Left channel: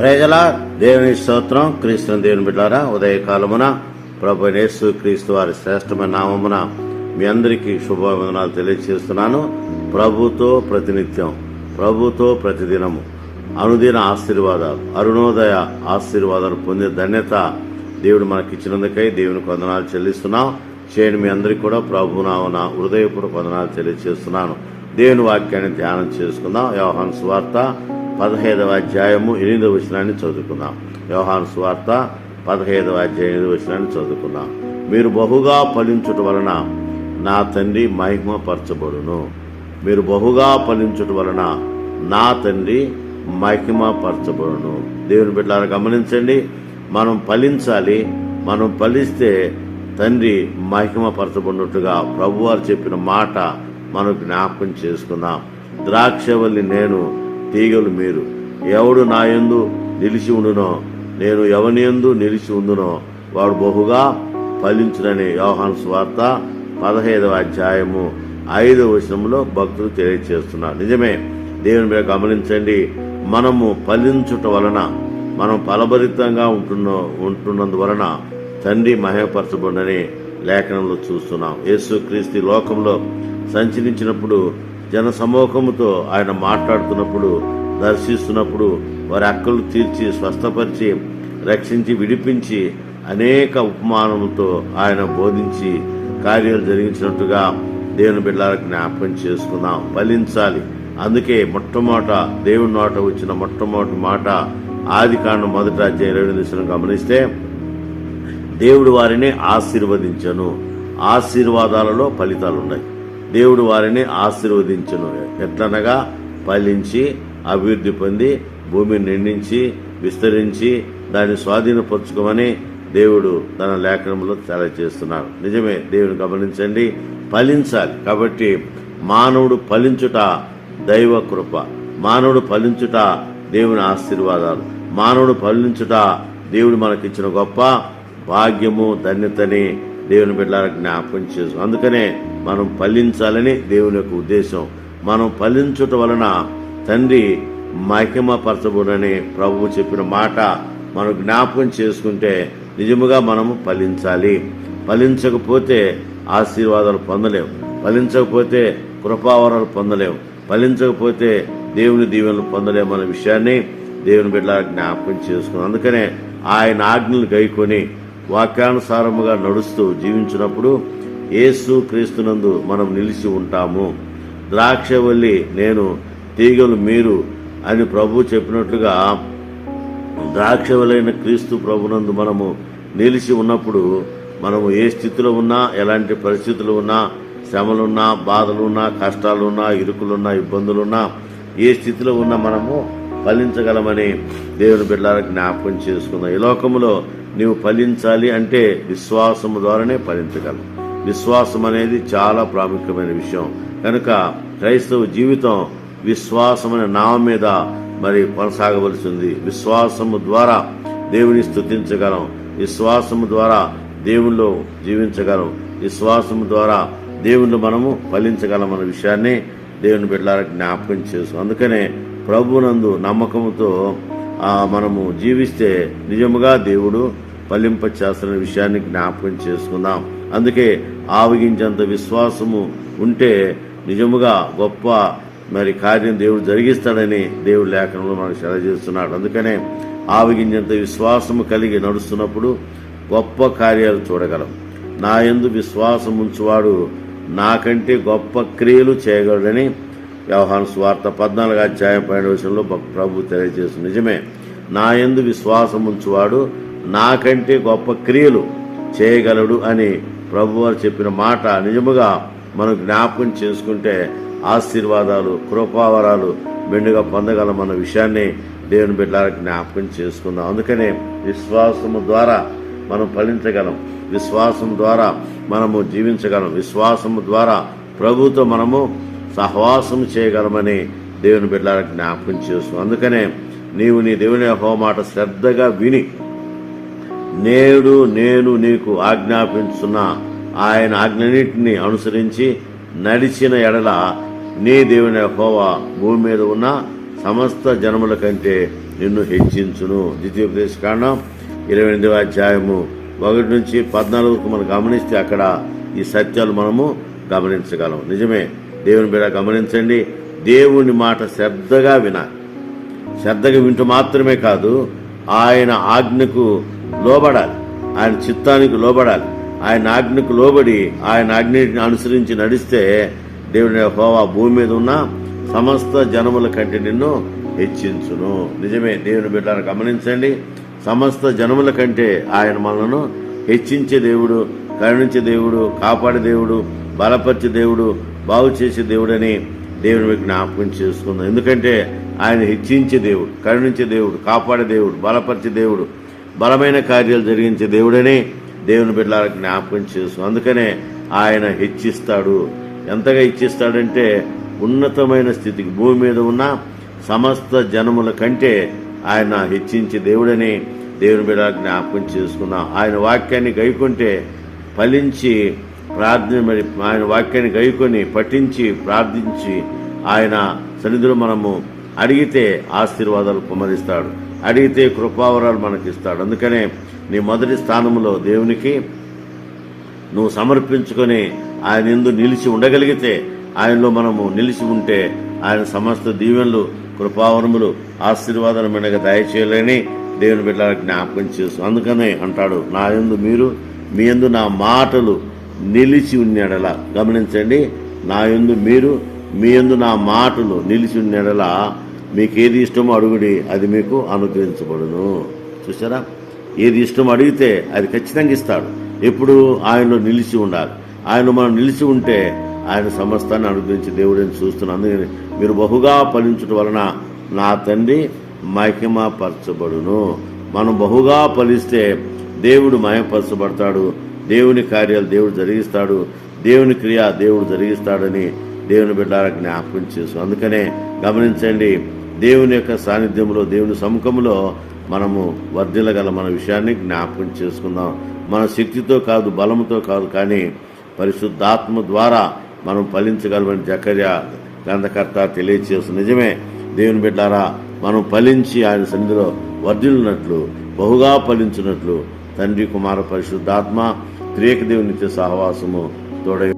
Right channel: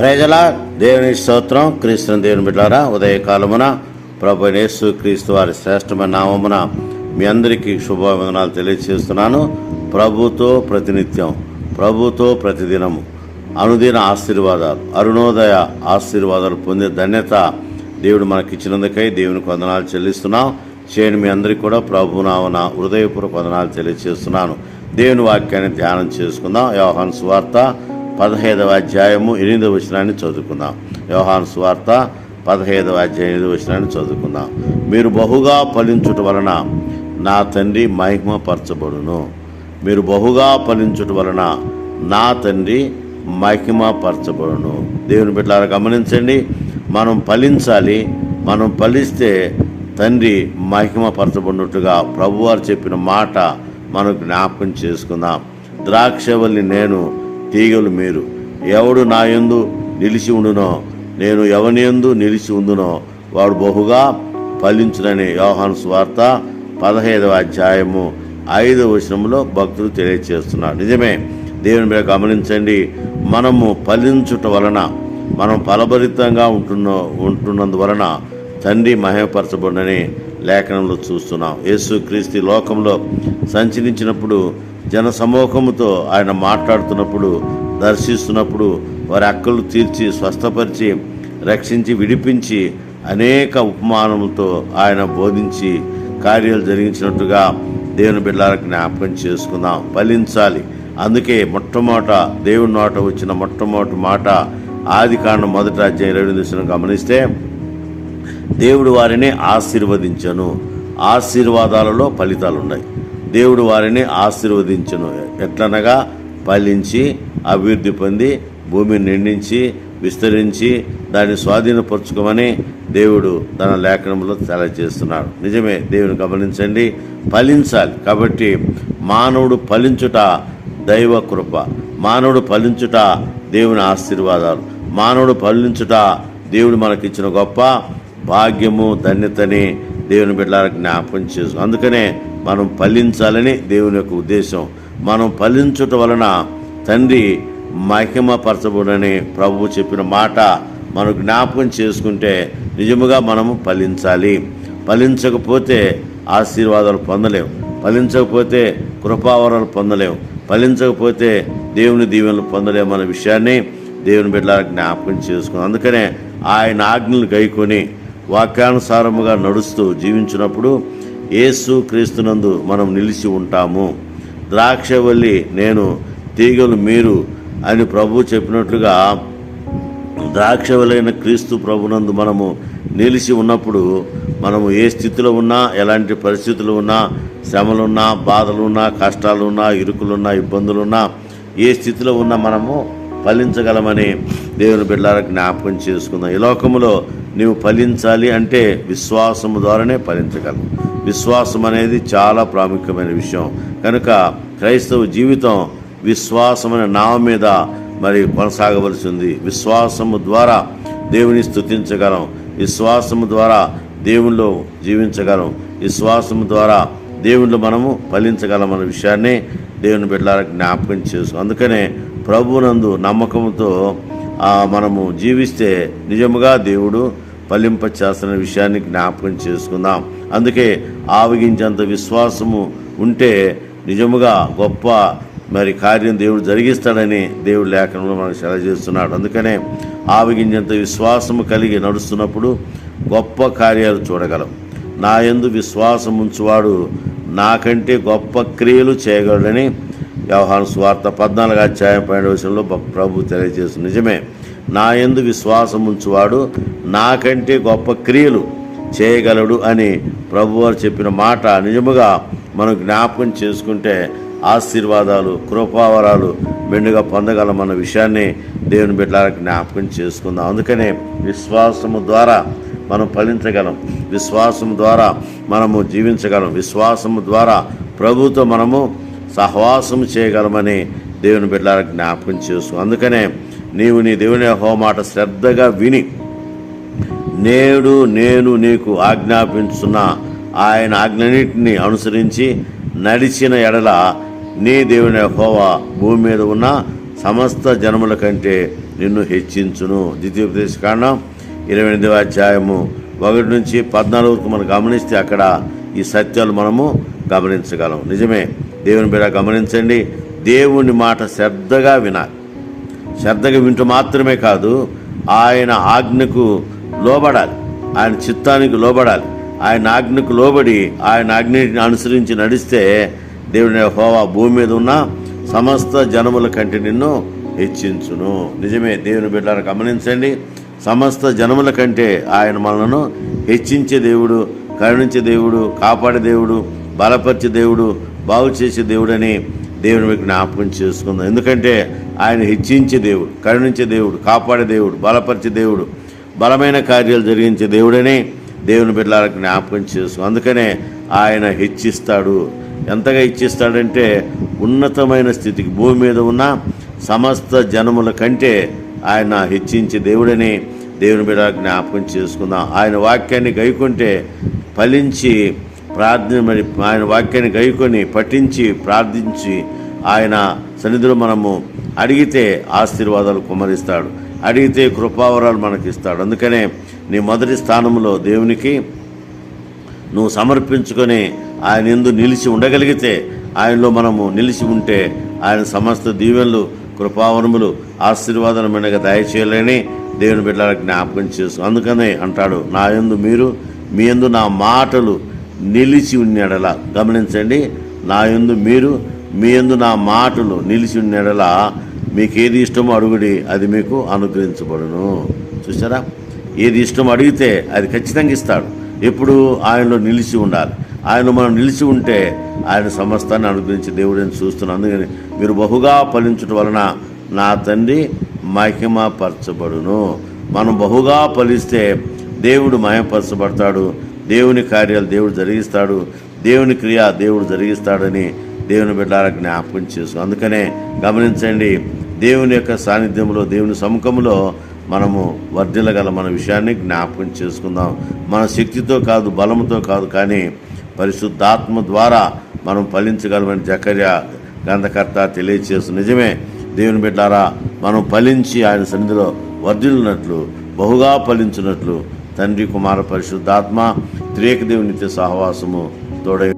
ప్రజల. దేవుని స్తోత్రం. క్రీస్తు దేవుని బిడ్డారా ఉదయకాలమున ప్రభు యేసు క్రీస్తు వారి శ్రేష్టమైన నామమున మీ అందరికీ శుభవందనాలు తెలియజేస్తున్నాను ప్రభుతో ప్రతినిత్యం ప్రభుతో ప్రతిదినము అనుదిన ఆశీర్వాదాలు అరుణోదయ ఆశీర్వాదాలు పొందే ధన్యత దేవుడు మనకిచ్చినందుకై దేవునికి వందనాలు చెల్లిస్తున్నాం. చేయని మీ అందరికీ కూడా ప్రభు నామన హృదయపూర్వక వందనాలు తెలియజేస్తున్నాను దేవుని వాక్యాన్ని ధ్యానం చేసుకుందాం. వ్యవహాన్ స్వార్త పదహైదవ అధ్యాయము ఎనిమిదవ వచనాన్ని చదువుకుందాం. వ్యవహాన్ స్వార్త పదహైదవ అధ్యాయం ఎనిమిదవ వచనాన్ని చదువుకుందాం. మీరు బహుగా ఫలించుట వలన నా తండ్రి మహిమ పరచబడును మీరు బహుగా ఫలించుట వలన నా తండ్రి మహిమ పరచబడును దేవుని బిడ్డలారా గమనించండి మనం ఫలించాలి మనం ఫలిస్తే తండ్రి మహిమ పరచబడినట్టుగా ప్రభువారు చెప్పిన మాట మనం జ్ఞాపకం చేసుకుందాం. ద్రాక్షవల్లి నేను తీగలు మీరు. ఎవడు నా యందు నిలిచి ఉండునో నేను ఎవని యందు నిలిచి ఉండునో వాడు బహుగా ఫలించునని యోహాను స్వార్త పదహైదవ అధ్యాయము ఐదవ వచనంలో భక్తులు తెలియజేస్తున్నారు నిజమే దేవుని మీద గమనించండి. మనము ఫలించుట వలన మనం ఫలభరితంగా ఉంటున్న ఉంటున్నందువలన తండ్రి మహిమపరచబడినని లేఖనంలో చూస్తున్నాం. యేసుక్రీస్తు లోకంలో సంచరించినప్పుడు జన సమూహముతో ఆయన మాట్లాడుతున్నప్పుడు దర్శిస్తున్నప్పుడు వారి అక్కలు తీర్చి స్వస్థపరిచి రక్షించి విడిపించి అనేక ఉపమానముతో ఆయన బోధించి కార్యాలు జరిగించినట్టుగా దేవుని బిడ్డలకు జ్ఞాపకం చేసుకుందాం. ఫలించాలి. అందుకే మొట్టమొదట దేవుని నోట వచ్చిన మొట్టమొదటి మాట ఆది కాండం మొదటి అధ్యాయం రెండు దిశను గమనిస్తే దేవుడు వారిని ఆశీర్వదించను. ఆశీర్వాదాలలో ఫలితాలు ఉన్నాయి దేవుడు వారిని ఆశీర్వదించను. ఎట్లనగా ఫలించి అభివృద్ధి పొంది భూమిని నిండించి విస్తరించి దాన్ని స్వాధీనపరచుకోమని దేవుడు తన లేఖనంలో తెలియజేస్తున్నాడు. నిజమే దేవుని గమనించండి ఫలించాలి. కాబట్టి మానవుడు ఫలించుట దైవ కృప. మానవుడు ఫలించుట దేవుని ఆశీర్వాదాలు. మానవుడు ఫలించుట దేవుడు మనకిచ్చిన గొప్ప భాగ్యము ధన్యతని దేవుని బిడ్డలకు జ్ఞాపకం చేసు అందుకనే మనం ఫలించాలని దేవుని యొక్క ఉద్దేశం. మనం ఫలించుట వలన తండ్రి మహిమపరచబడని ప్రభువు చెప్పిన మాట మనం జ్ఞాపకం చేసుకుంటే నిజముగా మనము ఫలించాలి. ఫలించకపోతే ఆశీర్వాదాలు పొందలేము. ఫలించకపోతే కృపావరాలు పొందలేము. ఫలించకపోతే దేవుని దీవెనలు పొందలేము అనే విషయాన్ని దేవుని బిడ్డ జ్ఞాపకం చేసుకున్నాం అందుకనే ఆయన ఆజ్ఞలు గైకొని వాక్యానుసారముగా నడుస్తూ జీవించినప్పుడు యేసు క్రీస్తునందు మనం నిలిచి ఉంటాము. ద్రాక్షవల్లి నేను తీగలు మీరు అని ప్రభు చెప్పినట్లుగా ద్రాక్షవలైన క్రీస్తు ప్రభునందు మనము నిలిచి ఉన్నప్పుడు మనము ఏ స్థితిలో ఉన్నా ఎలాంటి పరిస్థితులు ఉన్నా శ్రమలున్నా బాధలున్నా కష్టాలున్నా ఇరుకులున్నా ఇబ్బందులున్నా ఏ స్థితిలో ఉన్నా మనము ఫలించగలమని దేవుని బిడ్డలకు జ్ఞాపకం చేసుకుందాం. ఈ లోకములో నీవు ఫలించాలి అంటే విశ్వాసము ద్వారానే ఫలించగలం. విశ్వాసం అనేది చాలా ప్రాముఖ్యమైన విషయం. కనుక క్రైస్తవ జీవితం విశ్వాసం అనే నామం మీద మరి కొనసాగవలసింది. విశ్వాసము ద్వారా దేవుని స్తుతించగలం. విశ్వాసము ద్వారా దేవునిలో జీవించగలం. విశ్వాసము ద్వారా దేవునిలో మనము ఫలించగలం అనే విషయాన్ని దేవుని బిడ్డలకు జ్ఞాపకం చేసుకో అందుకనే ప్రభునందు నమ్మకంతో మనము జీవిస్తే నిజముగా దేవుడు ఫలింప చేస్తున్న విషయాన్ని జ్ఞాపకం చేసుకుందాం. అందుకే ఆవగించేంత విశ్వాసము ఉంటే నిజముగా గొప్ప మరి కార్యం దేవుడు జరిగిస్తాడని దేవుడు లేఖనంలో మనకు సెలజేస్తున్నాడు అందుకనే ఆవగించేంత విశ్వాసము కలిగి నడుస్తున్నప్పుడు గొప్ప కార్యాలు చూడగలం. నా ఎందు విశ్వాసం ఉంచువాడు నాకంటే గొప్ప క్రియలు చేయగలడని వ్యవహార స్వార్థ పద్నాలుగు అధ్యాయం పన్నెండు విషయంలో ప్రభు తెలియజేస్తుంది. నిజమే నా ఎందు విశ్వాసం ఉంచువాడు నాకంటే గొప్ప క్రియలు చేయగలడు అని ప్రభువారు చెప్పిన మాట నిజముగా మనం జ్ఞాపకం చేసుకుంటే ఆశీర్వాదాలు కృపావరాలు మెండుగా పొందగలమన్న విషయాన్ని దేవుని బిడ్డలకు జ్ఞాపకం చేసుకుందాం. అందుకనే విశ్వాసము ద్వారా మనం ఫలించగలం. విశ్వాసం ద్వారా మనము జీవించగలం. విశ్వాసము ద్వారా ప్రభుతో మనము సహవాసం చేయగలమని దేవుని బిడ్డలకు జ్ఞాపకం చేసు అందుకనే నీవు నీ దేవుని హోమాట శ్రద్ధగా విని నేడు నేను నీకు ఆజ్ఞాపించున్న ఆయన ఆజ్ఞన్నింటిని అనుసరించి నడిచిన ఎడల నీ దేవుని హోవా భూమి మీద ఉన్న సమస్త జనముల కంటే నిన్ను హెచ్చించును. ద్వితీయోపదేశ కాండం ఇరవై ఎనిమిదవ అధ్యాయము ఒకటి నుంచి పద్నాలుగుకు మనం గమనిస్తే అక్కడ ఈ సత్యాలు మనము గమనించగలం. నిజమే దేవుని బిడ్డ గమనించండి. దేవుని మాట శ్రద్ధగా వినాలి. శ్రద్ధగా వింటూ మాత్రమే కాదు ఆయన ఆజ్ఞకు లోబడాలి. ఆయన చిత్తానికి లోబడాలి. ఆయన ఆజ్ఞకు లోబడి ఆయన ఆజ్ఞని అనుసరించి నడిస్తే దేవుని హోవా భూమి మీద ఉన్న సమస్త జనముల కంటే నిన్ను హెచ్చించును. నిజమే దేవుని బిడ్డను గమనించండి. సమస్త జనముల కంటే ఆయన మనలను హెచ్చించే దేవుడు కరుణించే దేవుడు కాపాడే దేవుడు బలపరిచే దేవుడు బాగు చేసే దేవుడని దేవుని మీకు జ్ఞాపకం చేసుకుందాం. ఎందుకంటే ఆయన హెచ్చించే దేవుడు కరుణించే దేవుడు కాపాడే దేవుడు బలపరిచే దేవుడు బలమైన కార్యాలు జరిగించే దేవుడని దేవుని బిడ్డలకు జ్ఞాపకం చేసుకున్నాం అందుకనే ఆయన హెచ్చిస్తాడు. ఎంతగా ఇచ్చిస్తాడంటే ఉన్నతమైన స్థితికి భూమి మీద ఉన్న సమస్త జనముల కంటే ఆయన హెచ్చించే దేవుడని దేవుని బిడ్డ జ్ఞాపకం చేసుకుందాం. ఆయన వాక్యాన్ని గైకుంటే ఫలించి ప్రార్థన మరి ఆయన వాక్యాన్ని గైకొని పఠించి ప్రార్థించి ఆయన సన్నిధిలో మనము అడిగితే ఆశీర్వాదాలు కుమరిస్తాడు అడిగితే కృపావరాలు మనకిస్తాడు. అందుకనే నీ మొదటి స్థానంలో దేవునికి నువ్వు సమర్పించుకొని ఆయన ఎందు నిలిచి ఉండగలిగితే ఆయనలో మనము నిలిచి ఉంటే ఆయన సమస్త దీవెనలు కృపావరములు ఆశీర్వాదాలు మెడగా దయచేయలేని దేవుని బిడ్డలకు జ్ఞాపకం చేసు అందుకనే అంటాడు నా యందు మీరు మీ యందు నా మాటలు నిలిచి ఉన్నెడల. గమనించండి నా ఎందు మీరు మీ ఎందు నా మాటలు నిలిచి ఉన్నెడల. మీకు ఏది ఇష్టమో అడుగుడి అది మీకు అనుగ్రహించబడును. చూసారా ఏది ఇష్టం అడిగితే అది ఖచ్చితంగా ఇస్తాడు. ఎప్పుడు ఆయనలో నిలిచి ఉండాలి. ఆయన మనం నిలిచి ఉంటే ఆయన సమస్తాన్ని అనుగ్రహించి దేవుడని చూస్తున్నాను అందుకని మీరు బహుగా ఫలించడం వలన నా తండ్రి మహిమపరచబడును. మనం బహుగా ఫలిస్తే దేవుడు మహిమపరచబడతాడు. దేవుని కార్యాలు దేవుడు జరిగిస్తాడు. దేవుని క్రియ దేవుడు జరిగిస్తాడని దేవుని బిడ్డలకు జ్ఞాపకం చేసు అందుకనే గమనించండి దేవుని యొక్క సాన్నిధ్యంలో దేవుని సముఖంలో మనము వర్ధిల్లగల మన విషయాన్ని జ్ఞాపకం చేసుకుందాం. మన శక్తితో కాదు బలంతో కాదు కానీ పరిశుద్ధాత్మ ద్వారా మనం ఫలించగలమని జకర్య గ్రంథకర్త తెలియచేస్తు నిజమే దేవుని బిడ్డారా మనం ఫలించి ఆయన సన్నిధిలో వర్ధిల్లినట్లు బహుగా ఫలించినట్లు తండ్రి కుమార పరిశుద్ధాత్మ త్రేక దేవునితో సహవాసము తోడై